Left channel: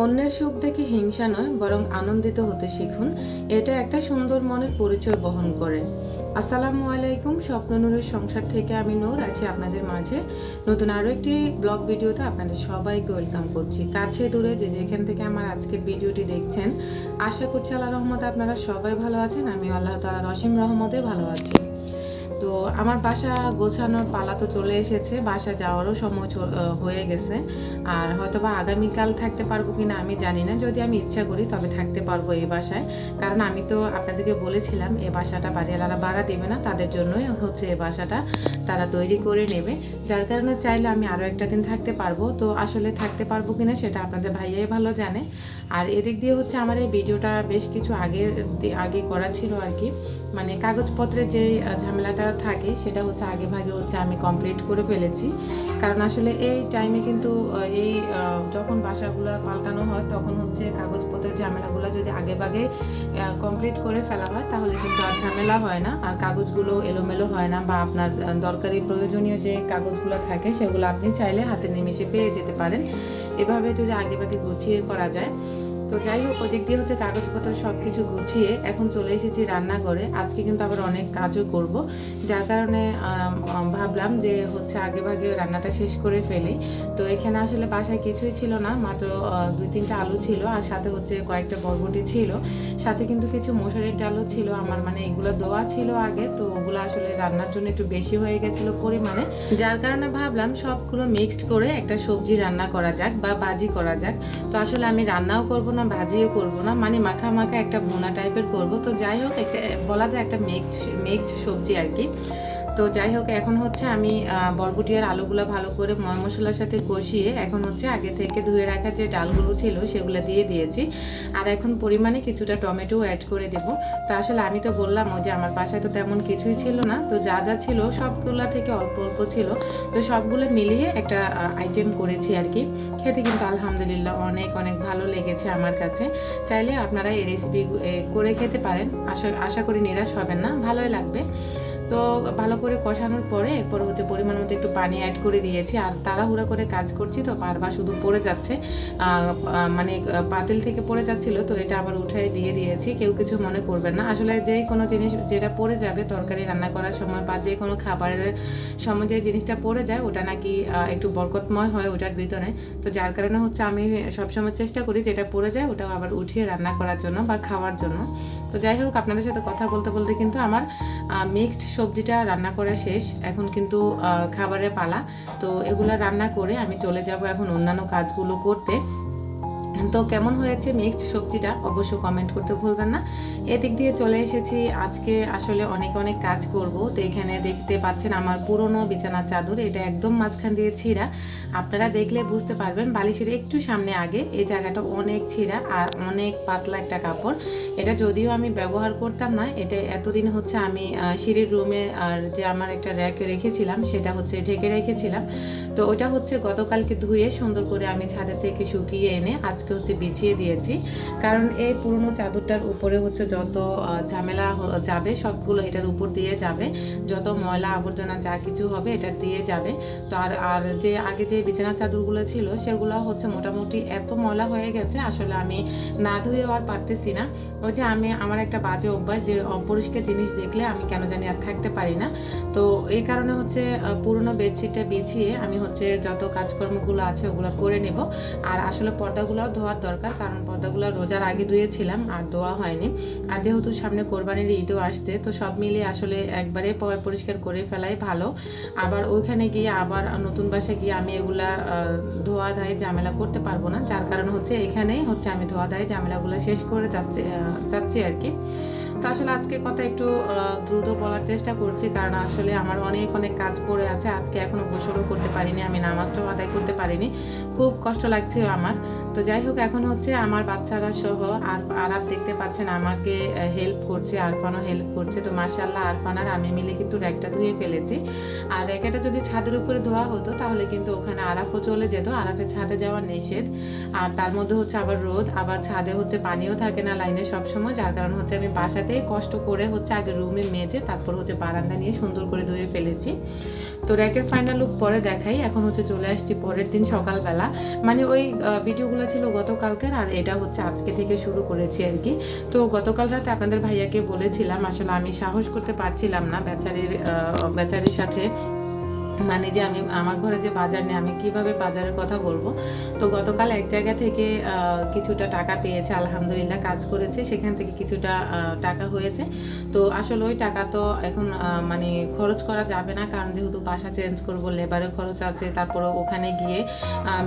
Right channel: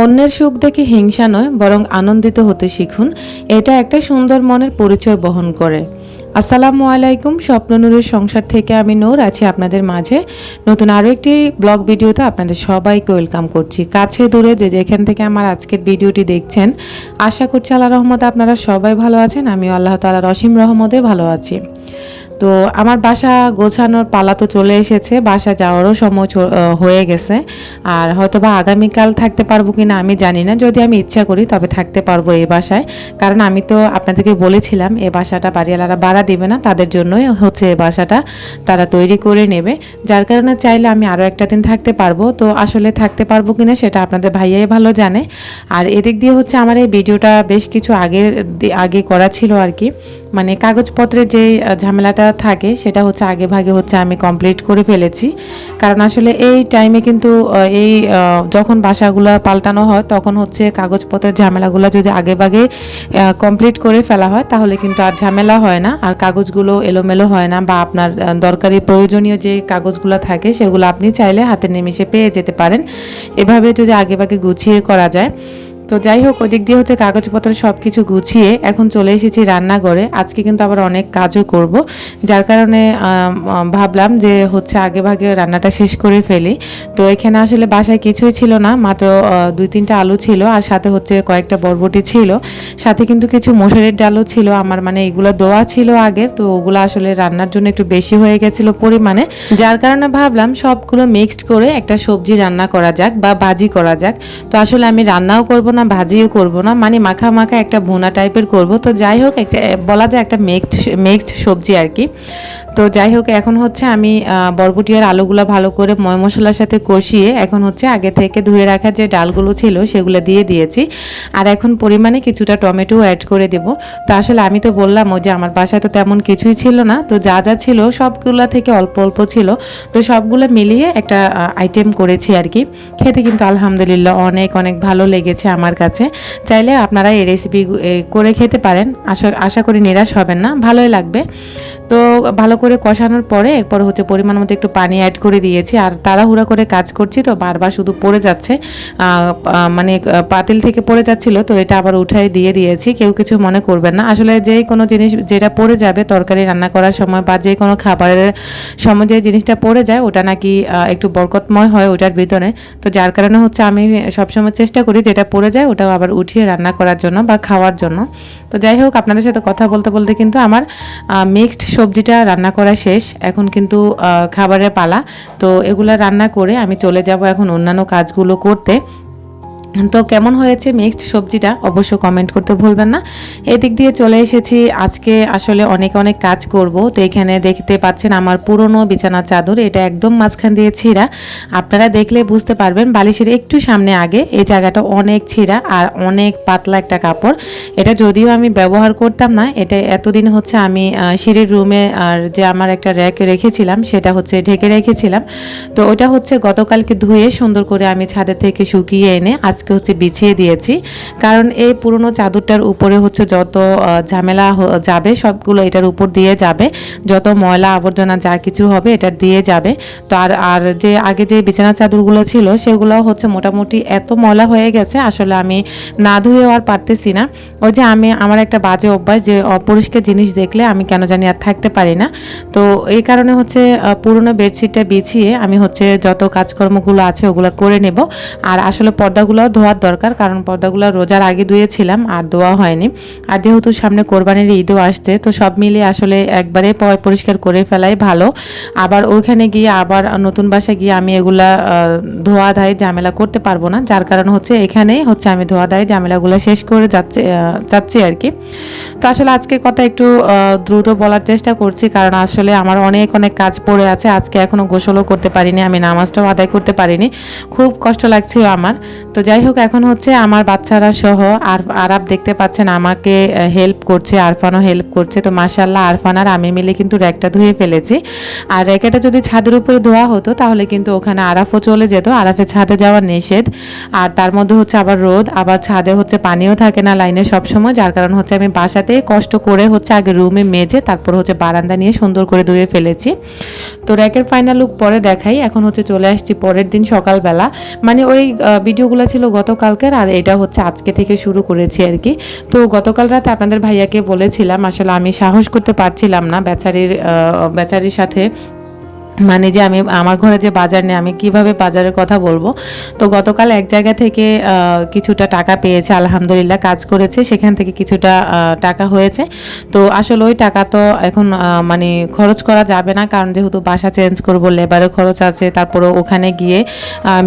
অন্যের সুখ দেখে হিংসা নয়, বরং আনন্দিত হতে শিখুন। এটা একটা সুন্দর মনের পরিচয় বহন করে। আসসালামু আলাইকুম, স্বপ্ননুরের সংসার থেকে আমি নূর, আছি আপনাদের মাঝে। নতুন আরও একটি ব্লগ ভিডিওতে আপনাদের সবাইকে ওয়েলকাম করছি। কাছে দূরে যে যেখান থেকে আমার আজকের ভিডিওটি দেখছেন, আশা করছি আল্লাহ রহমতে আপনারা সবাই ভালো আছেন। আমিও আল্লাহ তালার অসীম রহমতে ভালো আছি। তো আমার বাসা গোছানোর পালা তো চলে এসেছে, বাসা যাওয়ারও সময় হয়ে গেছে। আর হয়তো বা আগামীকাল থাকতে পারব কিনা আমি জানি না, যদি আমি ইচ্ছা করি তবে থাকতে পারব এই বাসায়। কারণ আমি তো আপনাদেরকে বলেছিলাম এই বাসাটা বাড়িওয়ালারা ভাড়া দেবে না, তাদের জন্যই হচ্ছে এ বাসাটা তারা তৈরি করে নেবে। যার কারণে চাইলে আমি আরও একটা দিন থাকতে পারব। তো আসলে থাকতে পারব কিনা সেটা আপনাদের ভাইয়াই ভালো জানে। আর এদিক দিয়ে হচ্ছে আমার এই ভিডিওটা বেশ কিছু আগের আগে করা ছিল আর কি। মানে কাগজপত্রের যে ঝামেলাটা থাকে, সেটা হচ্ছে আগে ভাগে হচ্ছে আমি কমপ্লিট করে ফেলেছি। কারণ আসলে এই টাইমে কিন্তু এই যখন বাসাগুলো পাল্টানো হয়, তখন হচ্ছে কাগজপত্রের ঝামেলাগুলো যদি আগে ভাগে কমপ্লিট করে ফেলা হয়, তাহলে কিন্তু আর ঝামেলা হয় না। আর কাগজগুলো এলোমেলো হয় না বা আপনার দরকারি প্রয়োজনীয় যে কাগজগুলো থাকে, সেগুলো আপনি চাইলে হাতে নিমিশে পেয়ে যেতে পারেন। এভাবে যদি আগে ভাগে গুছিয়ে করা যায় তো যাই হোক, ওদিক দিয়ে হচ্ছে কাগজপত্র সব কিছু গুছিয়ে এখন চলে এসেছি রান্নাঘরে। আজকে কিন্তু আবার অনেক কাজও করব। যার কারণে ভাবলাম যে হচ্ছে আগে ভাগে রান্নাটা শেষ করে ফেলি। তো এখানে আসলে বাসায় কিছুই ছিল না, মাত্র দুই তিনটা আলু ছিল আর সাথে হচ্ছে কয়েকটা বরবটি ছিল। সাথে কিন্তু কিছু মসুরের ডালও ছিল। আমার মানে এগুলো দোয়া ছিল আগে তো ওগুলো আসলে রান্নার জন্য একটু বেশি হয়ে গেছিল পরিমাণে। যার কারণে ভাবলাম সবগুলো মিক্সড করে একটা সবজি রান্না করা যাক বা ভাজি করা যাক। তো আসলে আমি রান্নাও করব না ভাজিও করব না। মানে মাখা মাখা একটা ভুনা টাইপের করব। তো যাই হোক, একটা, বলা যায় একটা মিক্সড মিক্সড সবজি আর কি। তো যাই হোক এখন হচ্ছে আমি আহ, বরবটি আর আলুগুলো ভালো করে ময় মশলার সাথে কষিয়ে এখন হচ্ছে আগে থেকে ধুয়ে রাখা যে ডালগুলো ছিল সেগুলো দিয়ে দিয়েছি। আর এখন পরিমাণে কিছুটা টমেটো অ্যাড করে দেব। তো আসলে আমি তো বললাম ও যে আমার বাসায় তো তেমন কিছুই ছিল না। তো যা যা ছিল সবগুলো থেকে অল্প অল্প ছিল। তো সবগুলো মিলিয়ে একটা আইটেম করেছি আর কি। খেতে কিন্তু আলহামদুলিল্লাহ অনেক অনেক ভালো লেগেছে আমার কাছে। চাইলে আপনারা এই রেসিপি করে খেতে পারেন। আশা আশা করি নিরাশ হবেন না। ভালোই লাগবে। তো ভালো করে কষানোর পরে এরপর হচ্ছে পরিমাণ মতো একটু পানি অ্যাড করে দিয়েছি। আর তাড়াহুড়া করে কাজ করছি তো বারবার শুধু পড়ে যাচ্ছে। মানে পাতিল থেকে পড়ে যাচ্ছিল তো এটা আবার উঠাই দিয়ে দিয়েছি। কেউ কিছু মনে করবেন না। আসলে যে কোনো জিনিস যেটা পড়ে যাবে তরকারি রান্না করার সময় বা যে কোনো খাবারের সময় যে জিনিসটা পড়ে যায় ওটা নাকি একটু বরকতময় হয় ওটার ভিতরে। তো যার কারণে হচ্ছে আমি সবসময় চেষ্টা করি যেটা পড়ে যায় ওটাও আবার উঠিয়ে রান্না করার জন্য বা খাওয়ার জন্য। তো যাই হোক, আপনাদের সাথে কথা বলতে বলতে কিন্তু আমার মিক্সড সবজিটা রান্না করা শেষ, এখন কিন্তু খাবারের পালা। তো এগুলা রান্না করে আমি চলে যাব এখন অন্যান্য কাজগুলো করতে। তো কেমন হয়েছে মিক্সড সবজিটা অবশ্য কমেন্ট করতে ভুলবেন না। এদিক দিয়ে চলে এসেছি, আজকে আসলে অনেক অনেক কাজ করব। তো এখানে দেখতে পাচ্ছেন আমার পুরনো বিছানা চাদর, এটা একদম মাঝখান দিয়ে ছিঁড়া। আপনারা দেখলে বুঝতে পারবেন, বালিশের একটু সামনে আগে এই জায়গাটা অনেক ছিঁড়া আর অনেক পাতলা একটা কাপড়। এটা যদিও আমি ব্যবহার করতাম না, এটা এতদিন হচ্ছে আমি সিঁড়ির রুমে আর যে আমার একটা র্যাক রেখেছিলাম, সেটা হচ্ছে ঢেকে রেখেছিলাম। তো ওটা হচ্ছে গতকালকে ধুয়ে সুন্দর করে আমি ছাদের থেকে শুকিয়ে এনে আজকে হচ্ছে বিছিয়ে দিয়েছি। কারণ এই পুরনো চাদরটার উপরে হচ্ছে যত ঝামেলা যাবে, সবগুলো এটার উপর দিয়ে যাবে। যত ময়লা আবর্জনা যা কিছু হবে এটা দিয়ে যাবে। তো আর আর যে আগে যে বিছানা চাদরগুলো ছিল সেগুলো হচ্ছে মোটামুটি এত ময়লা হয়ে গেছে, আসলে আমি না ধুয়েও আর পারতেছি না। ওই যে আমি, আমার একটা বাজে অভ্যাস যে অপরিষ্কার জিনিস দেখলে আমি কেন জানি আর থাকতে পারি না। তো এই কারণে হচ্ছে পুরনো বেডশিটটা বিছিয়ে আমি হচ্ছে যত কাজকর্মগুলো আছে ওগুলো করে নেব। আর আসলে পর্দাগুলো ধোয়ার দরকার, কারণ পর্দাগুলো রোজার আগে ধুয়েছিলাম আর ধোয়া হয়নি। আর যেহেতু সামনে কোরবানির ঈদও আসছে, তো সব মিলিয়ে আসলে একবারে পরিষ্কার করে ফেলাই ভালো। আবার ওইখানে গিয়ে আবার নতুন বাসায় গিয়ে আমি এগুলা ধোয়া ধায় ঝামেলা করতে পারব না, যার কারণ হচ্ছে এখানেই হচ্ছে আমি ধোয়া ধায় ঝামেলাগুলো শেষ করে যাচ্ছে যাচ্ছি আর কি। তো আসলে আজকে কথা একটু দ্রুত বলার চেষ্টা করছি, কারণ আসলে আমার অনেক অনেক কাজ পড়ে আছে, আজকে এখনও গোসলও করতে পারিনি, আমি নামাজটাও আদায় করতে পারিনি। খুব কষ্ট লাগছিল আমার। তো যাই হোক এখন হচ্ছে আমার বাচ্চারা সহ আর আরাব দেখতে পাচ্ছেন আমাকে হেল্প করছে, আরফানও হেল্প করছে। তো মাসাল্লাহ আরফান আর আমি মিলে কিন্তু র্যাকটা ধুয়ে ফেলেছি। আর র্যাকেটা যদি ছাদের উপরে ধোয়া হতো, তাহলে কিন্তু ওখানে আরাফও চলে যেত। আরাফে ছাদে যাওয়া নিষেধ। আর তার মধ্যে হচ্ছে আবার রোদ, আবার ছাদে হচ্ছে পানিও থাকে না লাইনে সবসময়। যার কারণ হচ্ছে আমি বাসাতে কষ্ট করে হচ্ছে আগে রুমে মেজে, তারপর হচ্ছে বারান্দা নিয়ে সুন্দর করে ধুয়ে ফেলেছি। তো র্যাকের ফাইনাল লুক পরে দেখাই। এখন হচ্ছে চলে আসছি পরের দিন সকালবেলা। মানে ওই ভিডিওগুলো ছিল গতকালকের আর এটা হচ্ছে আজকে থেকে শুরু করেছি আর কি। তো গতকাল রাতে আপনাদের ভাইয়াকে বলেছিলাম, আসলে আমি সাহস করতে পারছিলাম না বেচারির বেচারির সাথে মানে যে আমি, আমার ঘরে যে বাজার নেই, আমি কীভাবে বাজারের কথা বলব? তো গতকাল এক জায়গা থেকে কিছুটা টাকা পেয়েছে, আলহামদুলিল্লাহ কাজ করেছে, সেখান থেকে কিছুটা টাকা হয়েছে। তো আসলে ওই টাকা তো এখন মানে খরচ করা যাবে না, কারণ যেহেতু বাসা চেঞ্জ করব, লেবারের খরচ আছে, তারপরে ওখানে গিয়ে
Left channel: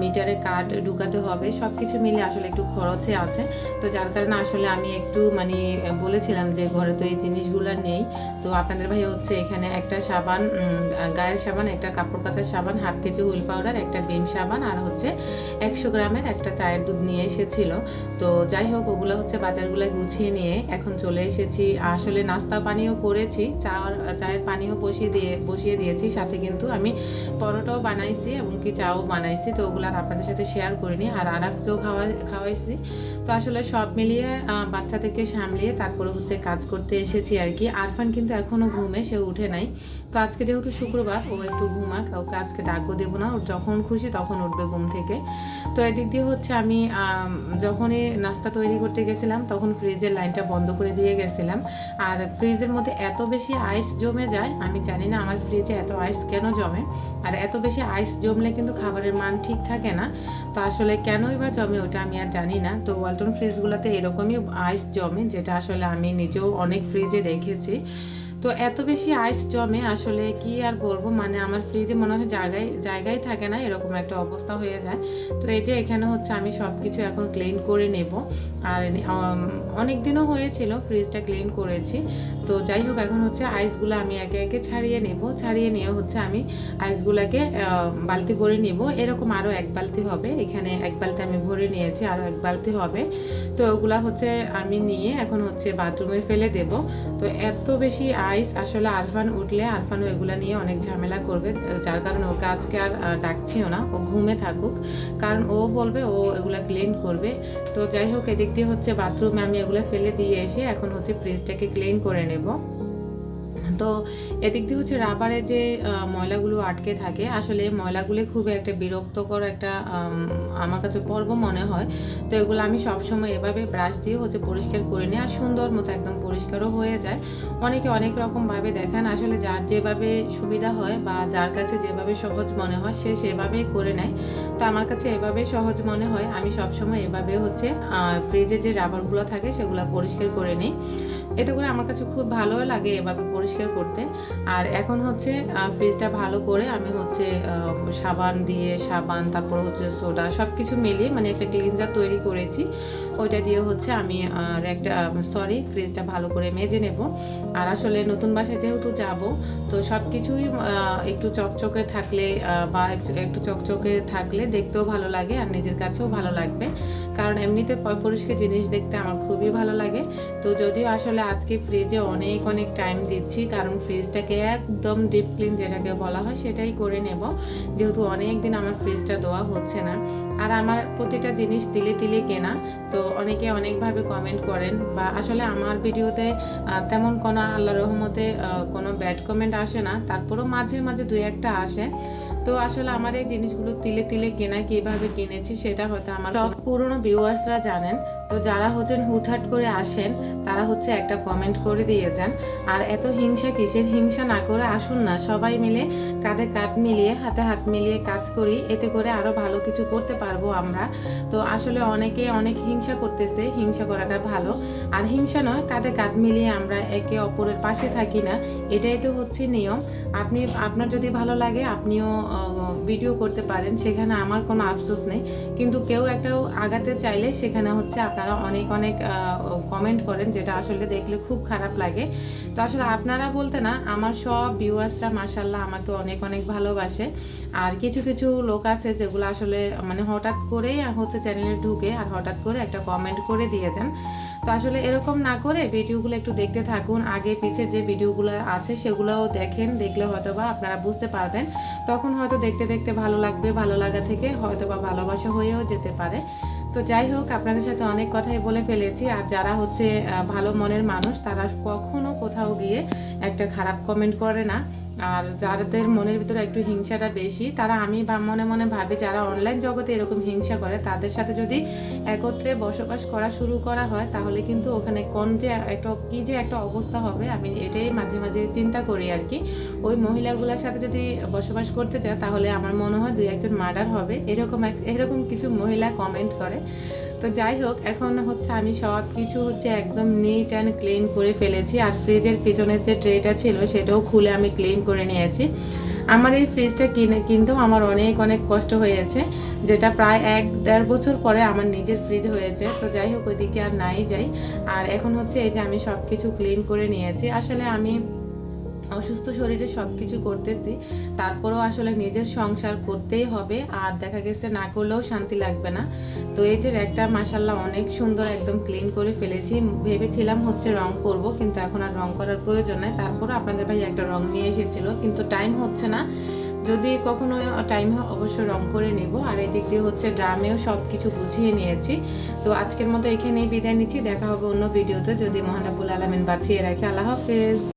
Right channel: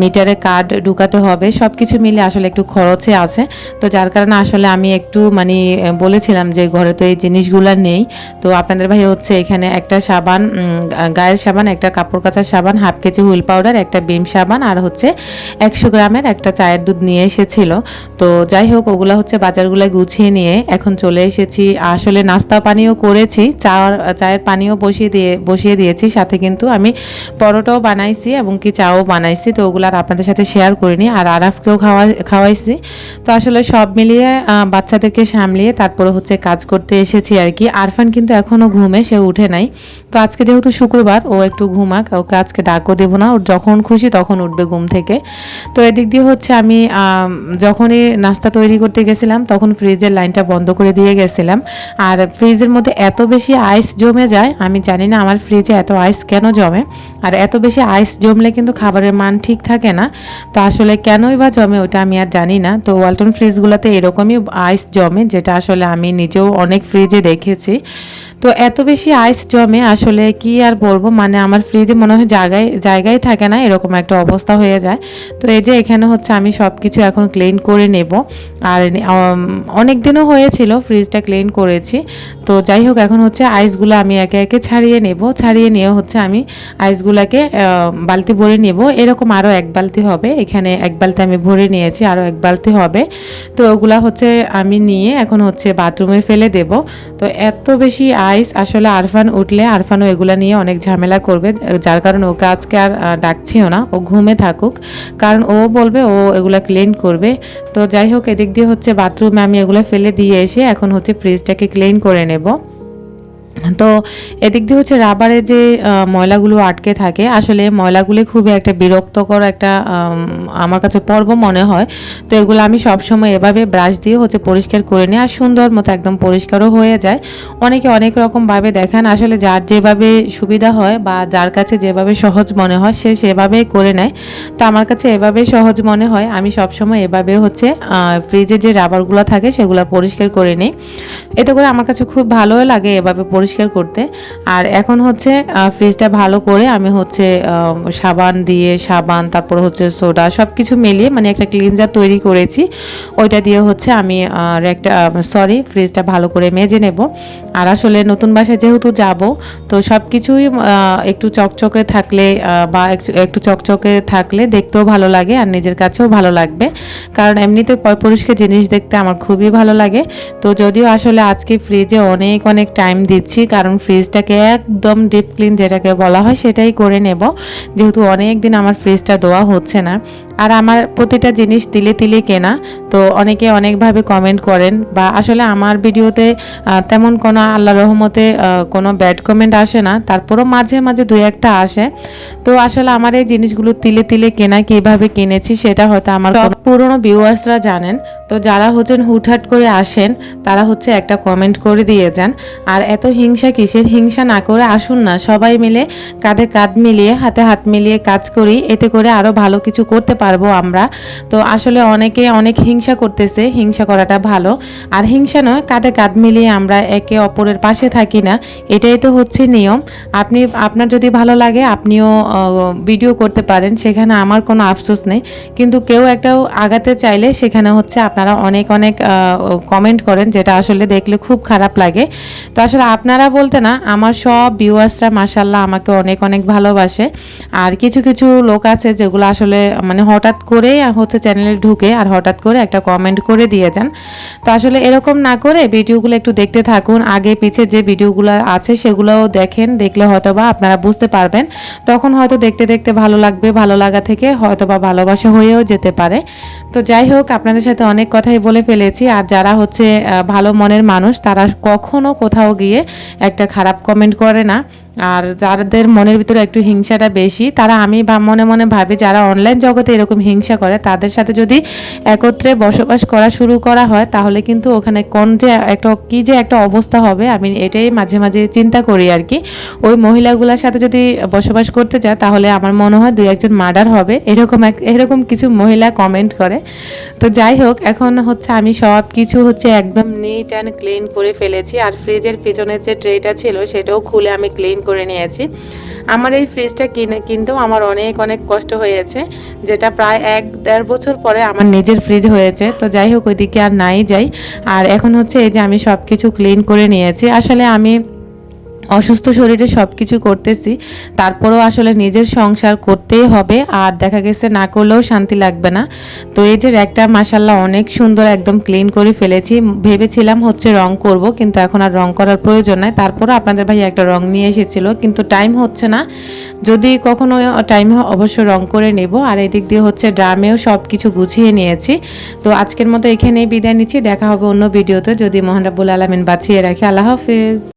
মিটারে কার্ড ঢুকাতে হবে সব কিছু মিলে আসলে একটু খরচে আছে। তো যার কারণে আসলে আমি একটু মানে বলেছিলাম যে ঘরে তো এই জিনিসগুলো নেই। তো আপনাদের ভাই হচ্ছে এখানে একটা সাবান গায়ের সাবান একটা কাপড় কাচার সাবান, হাফ কেজি হুইল পাউডার, একটা বিম সাবান আর হচ্ছে একশো গ্রামের একটা চায়ের দুধ নিয়ে এসেছিল। তো যাই হোক, ওগুলো হচ্ছে বাজারগুলো গুছিয়ে নিয়ে এখন চলে এসেছি। আসলে নাস্তা পানিও করেছি, চা চায়ের পানিও বসিয়ে দিয়ে, বসিয়ে দিয়েছি। সাথে কিন্তু আমি পরোটাও বানাইছি এবং কি চাও বানাইছি। তো ওগুলো আর আপনাদের সাথে শেয়ার করিনি আর আরাফকেও খাওয়া, খাওয়াইছি। তো আসলে সব মিলিয়ে বাচ্চাদেরকে সামলিয়ে তারপরে হচ্ছে কাজ করতে এসেছি আর কি। আরফান কিন্তু এখনও ঘুমে, সে উঠে নাই। তো আজকে যেহেতু শুক্রবার, ও একটু ঘুমাক, ওকে আজকে ডাকও দেবো না, ওর যখন খুশি তখন উঠবে ঘুম থেকে। তো এদিক দিয়ে হচ্ছে আমি, যখনই নাস্তা তৈরি করতে গেছিলাম তখন ফ্রিজের লাইনটা বন্ধ করে দিয়ে গেছিলাম। আর ফ্রিজের মধ্যে এত বেশি আইস জমে যায়, আমি জানি না আমার ফ্রিজে এত আইস কেন জমে। আর এত বেশি আইস জমলে কিন্তু খাবারের মান ঠিক থাকে না। তো আসলে কেনই বা জমে ওটা আমি আর জানি না। তো ওয়ালটন ফ্রিজগুলোতে এরকমই আইস জমে, যেটা আসলে আমি নিজেও অনেক ফ্রিজে দেখেছি। তো এত বেশি আইস জমে আসলে কি আর বলব? মানে আমার ফ্রিজে মনে হয় জায়গায় জায়গায় থাকে না, এরকম একটা অবস্থা হয়ে যায়। তো এই যে এখানে হচ্ছে আমি সব কিছু এখন ক্লিন করে নেব। আর অনেক দিনও হয়েছিল ফ্রিজটা ক্লিন করেছি। তো যাই হোক, এখন হচ্ছে আইসগুলো আমি একে একে ছাড়িয়ে নেব। ছাড়িয়ে নিয়ে হচ্ছে আমি আইসগুলোকে বালতি ভরে নেব। এরকম আরও এক বালতি হবে। এখানে এক বালতি আমি ভরে নিয়েছি আরও এক বালতি হবে। তো ওগুলা হচ্ছে আমি নিয়ে এখন হচ্ছে বাথরুমে ফেলে দেব। তো এত বেশি আইস আসলে আরফান উঠলে আরফানও এগুলো নিয়ে অনেক ঝামেলা করবে, যার কারণে ওকে আজকে আর ডাকছিও না, ও ঘুমে থাকুক। কারণ ও বলবে ও এগুলো ক্লিন করবে। তো যাই হোক, এদিক দিয়ে হচ্ছে বাথরুমে আমি এগুলো ফেলে দিয়ে এসে এখন হচ্ছে ফ্রিজটাকে ক্লিন করে নেব। তো এদিক দিয়ে হচ্ছে রাবারে যে ময়লাগুলো আটকে থাকে, আসলে ময়লাগুলি খুবই একটা বিরক্তকর একটা আমার কাছে পর্ব মনে হয়। তো এগুলো আমি সবসময় এভাবে ব্রাশ দিয়ে হচ্ছে পরিষ্কার করে নিই, আর সুন্দর মতো একদম পরিষ্কারও হয়ে যায়। অনেকে অনেক রকমভাবে দেখান, আসলে যার যেভাবে সুবিধা হয় বা যার কাছে যেভাবে সহজ মনে হয়, সে সেভাবেই করে নেয়। তো আমার কাছে এভাবে সহজ মনে হয়, আমি সবসময় এভাবে হচ্ছে ফ্রিজে যে রাবারগুলো থাকে, সেগুলো পরিষ্কার করে নিই। এতে করে আমার কাছে খুব ভালোও লাগে এভাবে পরিষ্কার করতে। আর এখন হচ্ছে ফ্রিজটা ভালো করে আমি হচ্ছে সাবান দিয়ে, সাবান, তারপর হচ্ছে সোডা সব কিছু মিলিয়ে মানে একটা ক্লিনজার তৈরি করেছি। ওইটা দিয়ে হচ্ছে আমি একটা সরি ফ্রিজটা ভালো করে মেজে নেব। আর আসলে নতুন বাসায় যেহেতু যাব, তো সব কিছুই একটু চকচকে থাকলে বা একটু চকচকে থাকলে দেখতেও ভালো লাগে আর নিজের কাছেও ভালো লাগবে। কারণ এমনিতে পরিষ্কার জিনিস দেখতে আমার খুবই ভালো লাগে। তো যদিও আসলে আজকে ফ্রিজে অনেক অনেক টাইম দিচ্ছি কারণ ফ্রিজটাকে একদম ডিপ ক্লিন যেটাকে বলা হয় সেটাই করে নেব। যেহেতু অনেক দিন আমার ফ্রিজটা দেওয়া হচ্ছে না। আর আমার প্রতিটা জিনিস তিলে তিলে কেনা। তো অনেকে অনেকভাবে কমেন্ট করেন বা আসলে আমার ভিডিওতে তেমন কোনো আল্লাহ রহমতে কোনো ব্যাড কমেন্ট আসে না। তারপরও মাঝে মাঝে দু একটা আসে। তো আসলে আমার এই জিনিসগুলো তিলে তিলে কেনা কীভাবে কিনেছি সেটা হয়তো আমার পুরনো ভিউয়ার্সরা জানেন। তো যারা হচ্ছেন হুটহাট করে আসেন তারা হচ্ছে একটা কমেন্ট করে দিয়ে যান। আর এত হিংসা কিসের? হিংসা না করে আসুন না। সবাই মিলে কাঁধে কাঁধ মিলিয়ে হাতে হাত মিলিয়ে কাজ করি। এতে করে আরও ভালো কিছু করতে পারব আমরা। তো আসলে অনেকে অনেক হিংসা করতেছে, হিংসা করাটা ভালো। আর হিংসা নয়, কাঁধে কাঁধ মিলিয়ে আমরা একে অপরের পাশে থাকি না। এটাই তো হচ্ছে নিয়ম। আপনি, আপনার যদি ভালো লাগে, আপনিও ভিডিও করতে পারেন। সেখানে আমার কোনো আফসোস নেই। কিন্তু কেউ একটাও আগাতে চাইলে সেখানে হচ্ছে আপনারা অনেক অনেক কমেন্ট করেন, যেটা আসলে দেখলে খুব খারাপ লাগে। তো আসলে আপনারা বলতে না, আমার সব ভিউয়ার্সরা মাসাল্লাহ আমাকে অনেক অনেক ভালোবাসে। আর কিছু কিছু লোক আছে যেগুলো আসলে মানে হঠাৎ করে হচ্ছে চ্যানেলে ঢুকে আর হঠাৎ করে একটা কমেন্ট করে দিয়ে যান। তো আসলে এরকম না করে ভিডিওগুলো একটু দেখতে থাকুন। আগে পিছে যে ভিডিওগুলো আছে সেগুলোও দেখেন, দেখলে হয়তো বা আপনারা বুঝতে পারবেন। তখন হয়তো দেখতে দেখতে ভালো লাগবে, ভালো লাগা থেকে হয়তো বা ভালোবাসা হয়েও যেতে পারে। তো যাই হোক, আপনাদের সাথে অনেক কথাই বলে ফেলেছি। আর যারা হচ্ছে ভালো মনের মানুষ, তারা কখনো কোথাও গিয়ে একটা খারাপ কমেন্ট করে না। আর যাদের মনের ভিতরে একটু হিংসাটা বেশি, তারা আমি মনে মনে ভাবি যারা অনলাইন জগতে এরকম হিংসা করে, তাদের সাথে যদি একত্রে বসবাস করা শুরু করা হয়, তাহলে কিন্তু ওখানে কোন যে একটা, কি যে একটা অবস্থা হবে, আমি এটাই মাঝে মাঝে চিন্তা করি আর কি। ওই মহিলাগুলোর সাথে যদি বসবাস করতে যায় তাহলে আমার মনে হয় দুই একজন মার্ডার হবে। এরকম এক, এরকম কিছু মহিলা কমেন্ট করে। তো যাই হোক, এখন হচ্ছে আমি সব কিছু হচ্ছে একদম নিট অ্যান্ড ক্লিন করে ফেলেছি। আর ফ্রিজের পিছনের যে ট্রেটা ছিল, সেটাও খুলে আমি ক্লিন করে নিয়েছি। আমার এই ফ্রিজটা কিনে কিন্তু আমার অনেক অনেক কষ্ট হয়েছে, যেটা প্রায় এক দেড় বছর পরে আমার নিজের ফ্রিজ হয়েছে। তো যাই হোক, ওইদিকে আর নাই যাই। আর এখন হচ্ছে এই যে আমি সব কিছু ক্লিন করে নিয়েছি। আসলে আমি অসুস্থ শরীরে সব কিছু করতেছি। তারপরেও আসলে নিজের সংসার করতেই হবে। আর দেখা গেছে, না করলেও শান্তি লাগবে না। তো এই যে একটা মাসাল্লাহ অনেক সুন্দর একদম ক্লিন করে ফেলেছি। ভেবেছিলাম হচ্ছে রং করব, কিন্তু এখন আর রং করার প্রয়োজন নাই। তারপরও আপনাদের ভাই একটা রং নিয়ে এসেছিল, কিন্তু টাইম হচ্ছে না। যদি কখনো টাইম অবশ্যই রং করে নেব। আর এদিক দিয়ে হচ্ছে ড্রামেও সব কিছু গুছিয়ে নিয়েছি। তো আজকের মতো এখানেই বিদায় নিচ্ছি। দেখা হবে অন্য ভিডিওতে। যদি মহানরাবুল আলমিন বাঁচিয়ে রাখি, আল্লাহ হাফিজ।